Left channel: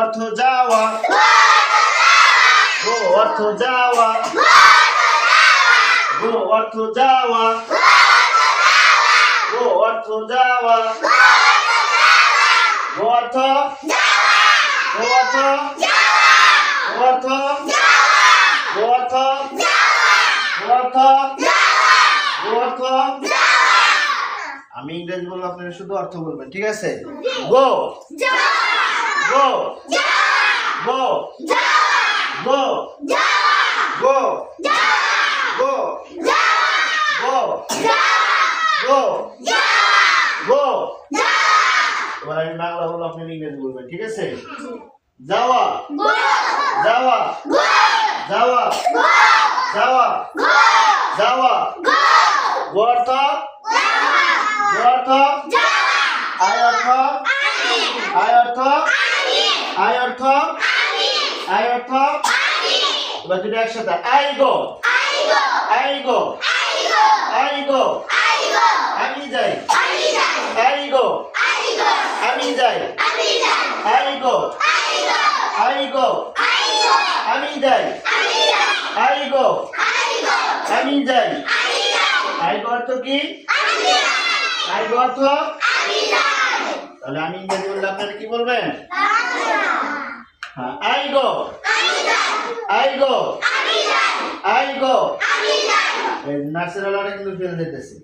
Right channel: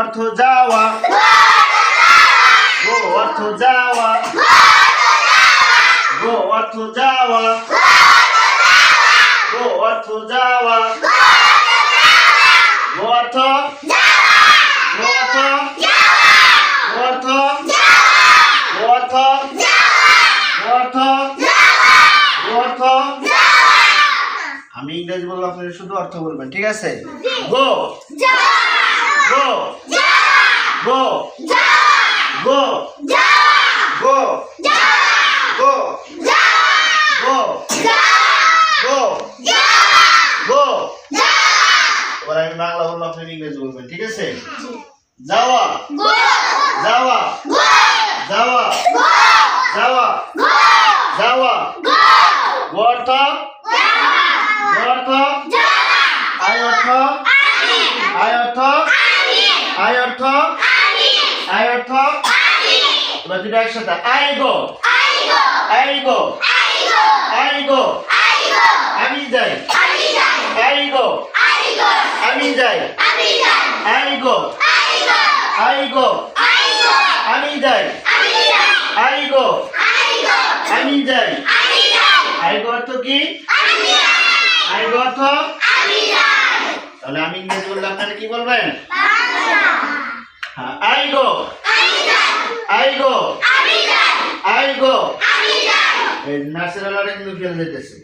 অর্থ যাওয়া, গো অর্থ যাওয়া, গো অর্থ যাওয়া, গো অর্থ যাওয়া, গো অর্থ, গো অর্থ, গো অর্থ, গো অর্থ, গো অর্থ, গো অর্থ। আমি ইংরেজি বলবো, আপনারা শুধু অর্থ বলবেন, ঠিক আছে? গো, গো, গো, গো, গো, গো, গো, গো, গো। এবার আমি বাংলা বলবো, আপনারা ইংরেজি বলবেন, ঠিক আছে? যাওয়া, যাওয়া, যাওয়া, যাওয়া, যাওয়া, গো অর্থ, গো অর্থ, আয় অর্থ, আয় অর্থ, আয় অর্থ, আয় অর্থ। এবার দুটো একসাথে, I go, I go, I go, আমি যাই, আই গো, আমি যাই, আই গো, আই গো, আমি যাই, আই গো, আমি যাই। আই গো অর্থ কি? আই গো অর্থ, তাহলে আমি ইংরেজি বললে আপনারা কি বলবেন? হ্যাঁ, I go, I go, I go. এই নার্সের ওয়ালাটা কিন্তু ফেল যেতেছে।